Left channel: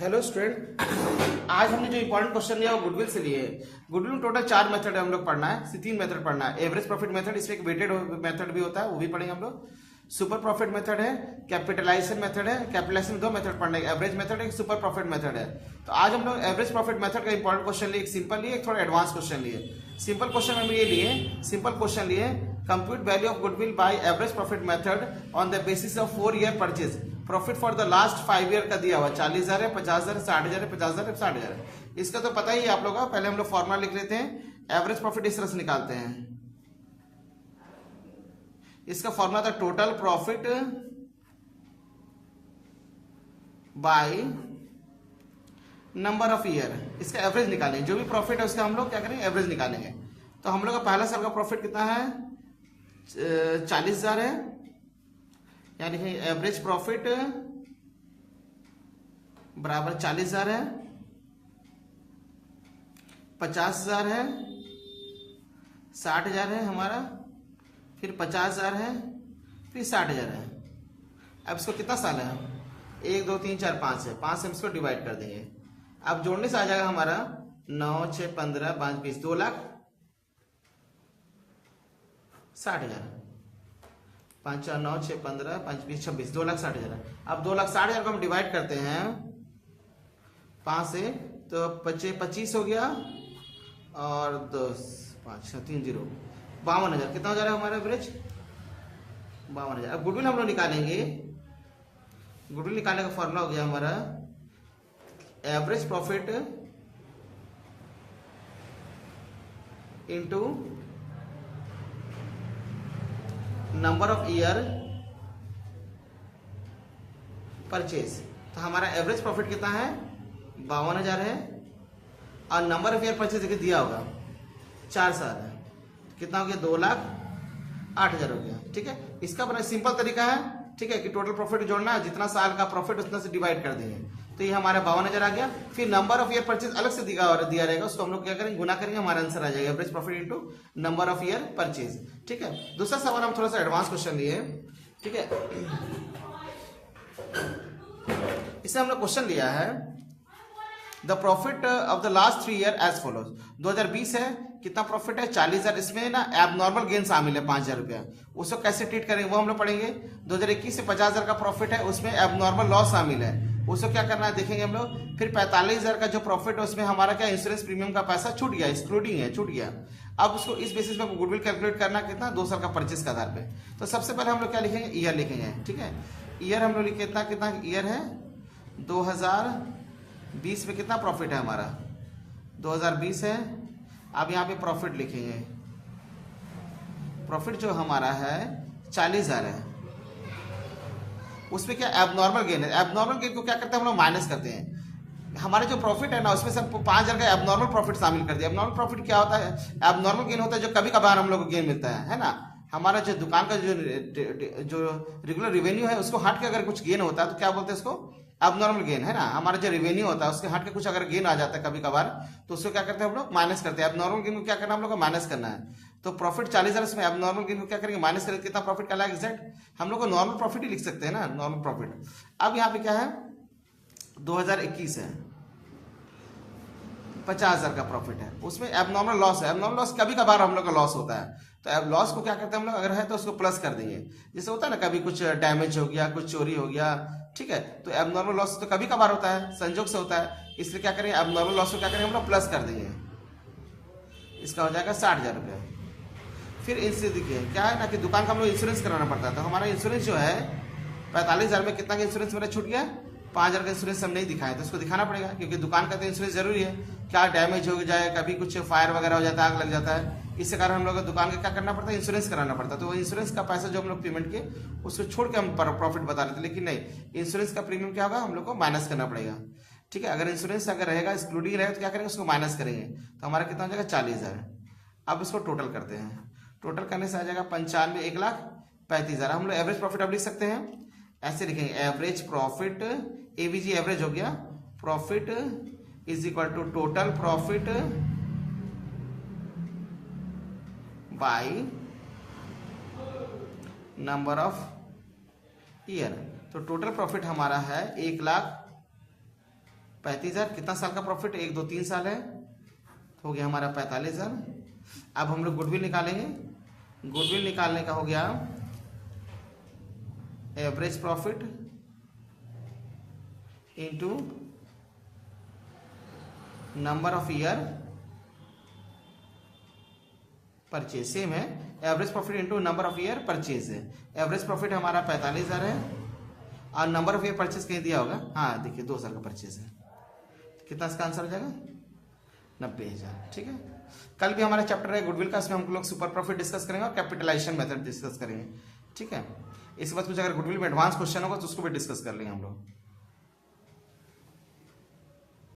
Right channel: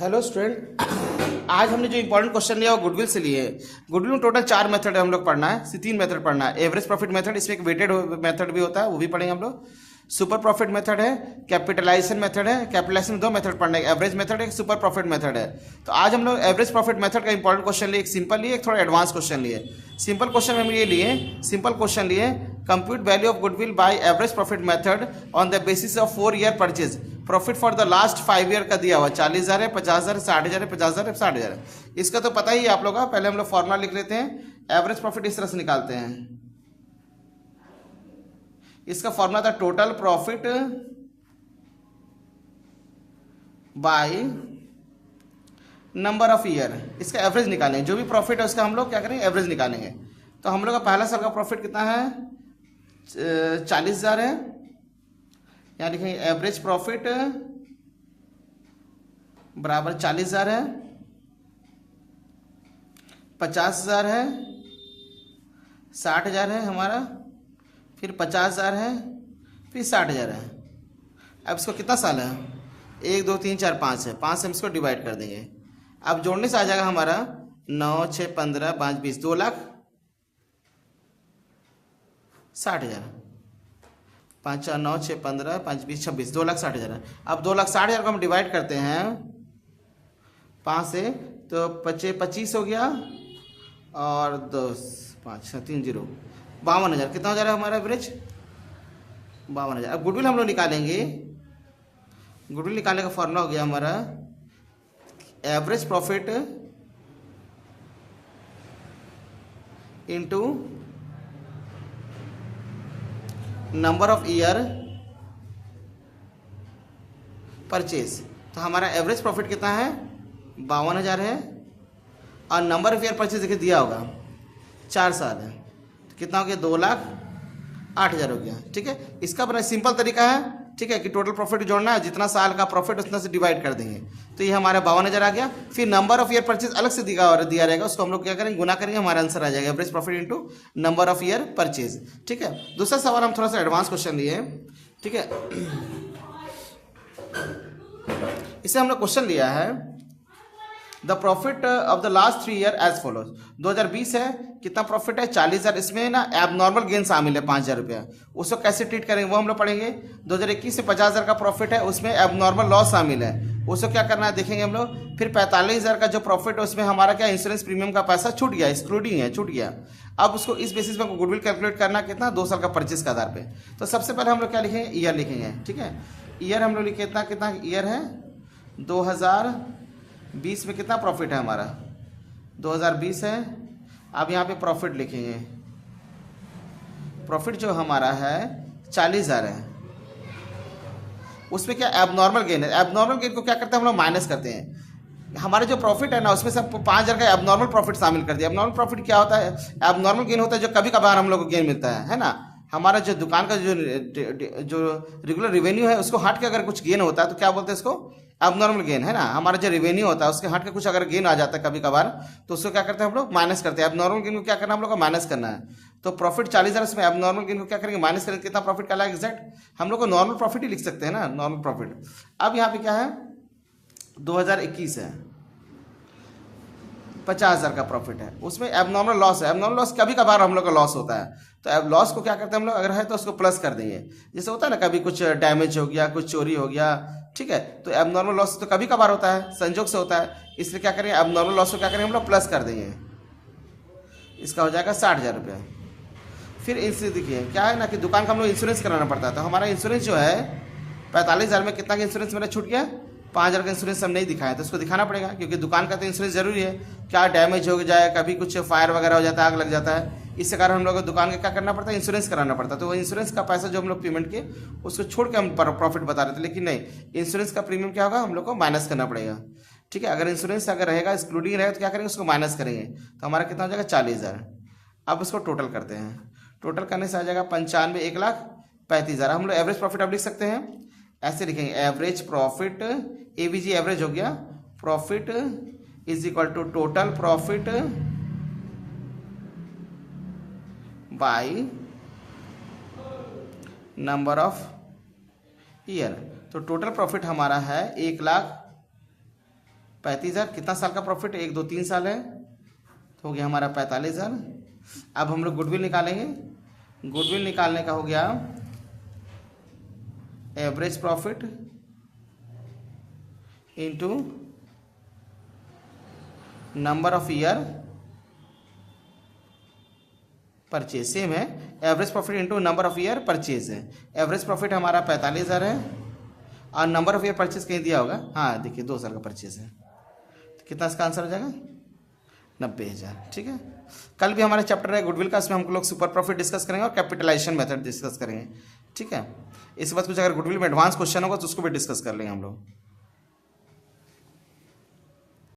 Hello student. आज हमने जो इंपॉर्टेंट क्वेश्चन लिया वो गुडविल से लिए। गुडविल में टोटल 4 मेथड है, हम लोग पढ़ना है, 3 मेथड पढ़ना है। एवरेज प्रॉफिट मेथड, इसमें एक वेटेड मेथड भी होता है, वो भी पढ़ेंगे हम लोग। सुपर प्रॉफिट मेथड है, कैपिटलाइजेशन मेथड है। कैपिटलाइजेशन में 2 मेथड पढ़ना है, एवरेज मेथड है, एक सुपर प्रॉफिट मेथड है। तो आज हम लोग एवरेज प्रॉफिट मेथड का इंपॉर्टेंट क्वेश्चन लिए, एक सिंपल लिए, एक थोड़ा एडवांस क्वेश्चन लिए। सिंपल क्वेश्चन हम ये लिए, सिंपल क्वेश्चन लिए, compute value of goodwill by average profit method on the basis of 4 year purchase. Profit for the last 5 year का दिया हुआ 40,000 है, 50,000 है, 60,000 है, 50,000 है, 60,000 है। इसका तो पता ही है आप लोगों का। पहले हम लोग फॉर्मूला लिख लेते हैं। एवरेज प्रॉफिट इस तरह से निकालते हैं। इसका फॉर्मूला था total profit by number of year. इसका एवरेज निकालेंगे, जो भी प्रॉफिट है उसका हम लोग क्या करेंगे, एवरेज निकालेंगे। तो हम लोग का पहला साल का प्रॉफिट कितना है, 40,000 है। यहाँ लिखेंगे एवरेज प्रॉफिट बराबर 40,000 है, 50,000 है, 60,000 है हमारा, फिर 50,000 है, फिर 60,000 है। अब इसको कितना साल है, 1 2 3 4 5 है, 5 से हम इसको डिवाइड कर देंगे। अब जोड़ने से आ जाएगा हमारा 9 6 15 5 20, 2,60,000। 5 4 9 6 15 5 20 26, 2,60,000। अब 2,60,000 को हम डिवाइड करते हैं 5 से, तो 25 हो गया, और 2 5 3 0, 52,000। कितना हो जा रहा है हमारा एवरेज, 52,000। अब गुडविल हम लोग निकालेंगे। गुडविल निकालने का फॉर्मूला हो गया हमारा average profit into number of year purchase. तो हमारा एवरेज प्रॉफिट कितना है, 52,000 है, और नंबर ऑफ ईयर परचेज देखिए दिया होगा 4 साल है, तो कितना हो गया, 2,08,000 हो गया। ठीक है, इसका बड़ा सिंपल तरीका है। ठीक है, कि टोटल प्रॉफिट जोड़ना है, जितना साल का प्रॉफिट उतना से डिवाइड कर देंगे, तो ये हमारा 52,000 आ गया। फिर नंबर ऑफ ईयर परचेज अलग से दिया रहेगा, उसको हम लोग क्या करेंगे, गुना करेंगे, हमारा आंसर आ जाएगा average profit into number of year purchase. ठीक है, दूसरा सवाल हम थोड़ा सा एडवांस क्वेश्चन लिए। ठीक है, इसे हम लोग क्वेश्चन लिया है, the profit of the last 3 year as follows. 2020 है, कितना प्रॉफिट है, 40,000। इसमें ना एबनॉर्मल गेन शामिल है 5,000 रुपया, उसको कैसे ट्रीट करेंगे वो हम लोग पढ़ेंगे। 2021 से 50,000 का प्रॉफिट है, उसमें एबनॉर्मल लॉस शामिल है, उसको क्या करना है देखेंगे हम लोग। फिर 45,000 का जो प्रॉफिट है उसमें हमारा क्या, इंश्योरेंस प्रीमियम का पैसा छूट गया, एक्सक्लूडिंग है, छूट गया। अब उसको इस बेसिस पे गुडविल कैलकुलेट करना कितना, 2 साल का परचेज के आधार पे। तो सबसे पहले हम लोग क्या लिखेंगे, ईयर लिखेंगे। ठीक है, ईयर हम लोग लिखे कितना ईयर है, 2020 में कितना प्रॉफिट है हमारा, 2020 है। अब यहाँ पे प्रॉफिट लिखेंगे, प्रॉफिट जो हमारा है 40,000 है, उसमें क्या एबनॉर्मल गेन है। एबनॉर्मल गेन को क्या करते हैं हम लोग, माइनस करते हैं। हमारे जो प्रॉफिट है ना उसमें से 5,000 का एबनॉर्मल प्रॉफिट शामिल कर दिया। एबनॉर्मल प्रॉफिट क्या होता है, एबनॉर्मल गेन होता है जो कभी कभार हम लोग को गेन मिलता है ना। हमारा जो दुकान का जो रेगुलर रेवेन्यू है उसको हट के अगर कुछ गेन होता है तो क्या बोलते हैं इसको, एबनॉर्मल गेन है ना। हमारा जो रेवेन्यू होता है उसके हट के कुछ अगर गेन आ जाता है कभी कभार, तो उसको क्या करते हैं हम लोग, माइनस करते हैं। एबनॉर्मल गेन को क्या करना हम लोग को, माइनस करना है। तो प्रॉफिट 40,000, इसमें एबनॉर्मल गेन को क्या करेंगे, माइनस करेंगे। कितना प्रॉफिट का लाएगा एग्जैक्ट, हम लोग को नॉर्मल प्रॉफिट ही लिख सकते हैं ना, नॉर्मल प्रॉफिट। अब यहाँ पे क्या है, 2021 है, 50,000 का प्रॉफिट है, उसमें एबनॉर्मल लॉस है। एबनॉर्मल लॉस कभी कभार हम लोग का लॉस होता है, तो अब लॉस को क्या करते हैं हम लोग, अगर है तो उसको प्लस कर देंगे। जैसे होता है ना, कभी कुछ डैमेज हो गया, कुछ चोरी हो गया, ठीक है, तो एबनॉर्मल लॉस तो कभी कभार होता है, संजोग से होता है, इसलिए क्या करेंगे, एबनॉर्मल लॉस को क्या करेंगे हम लोग, प्लस कर देंगे। इसका हो जाएगा 60,000 रुपये। फिर इनसे देखिए क्या है ना, कि दुकान का हम लोग इंश्योरेंस कराना पड़ता है, तो हमारा इंश्योरेंस जो है 45,000 में कितना का इंश्योरेंस मेरा छूट गया, 5,000 का इंश्योरेंस हम नहीं दिखाया, तो उसको दिखाना पड़ेगा, क्योंकि दुकान का तो इंश्योरेंस जरूरी है। क्या डैमेज हो जाए, कभी कुछ फायर वगैरह हो जाता है, आग लग जाता है, इससे कारण हम लोग को दुकान का क्या करना पड़ता है, इंश्योरेंस कराना पड़ता है। तो वो इंश्योरेंस का पैसा जो हम लोग पेमेंट किए उसको छोड़ के हम प्रॉफिट बता रहे थे, लेकिन नहीं, इंश्योरेंस का प्रीमियम क्या होगा, हम लोग को माइनस करना पड़ेगा। ठीक है, अगर इंश्योरेंस अगर रहेगा, एक्सक्लूडिंग रहेगा, तो क्या करेंगे, उसको माइनस करेंगे, तो हमारा कितना हो जाएगा, 40,000। अब इसको टोटल करते हैं, टोटल करने से आ जाएगा 95, 1,35,000। हम लोग एवरेज प्रॉफिट अब लिख सकते हैं, ऐसे लिखेंगे, एवरेज प्रॉफिट, एवीजी एवरेज हो गया, profit is equal to total profit by number of year. तो टोटल प्रॉफिट हमारा है 1,00,000 35,000, कितना साल का प्रॉफिट, 1 2 3 साल है, तो हो गया हमारा 45,000। अब हम लोग गुडविल निकालेंगे। गुडविल निकालने का हो गया average profit into number of year purchase, same है, average profit into number of year purchase है। एवरेज प्रॉफिट हमारा 45,000 है और नंबर ऑफ ईयर परचेज कहीं दिया होगा, हाँ देखिए 2 साल का परचेज है, तो कितना इसका आंसर हो जाएगा 90,000। ठीक है, कल भी हमारा चैप्टर है गुडविल का, इसमें हम लोग सुपर प्रॉफिट डिस्कस करेंगे और कैपिटलाइजेशन मेथड डिस्कस करेंगे। ठीक है, इसके बाद कुछ अगर गुडविल में एडवांस क्वेश्चन होगा तो उसको भी डिस्कस कर लेंगे हम लोग।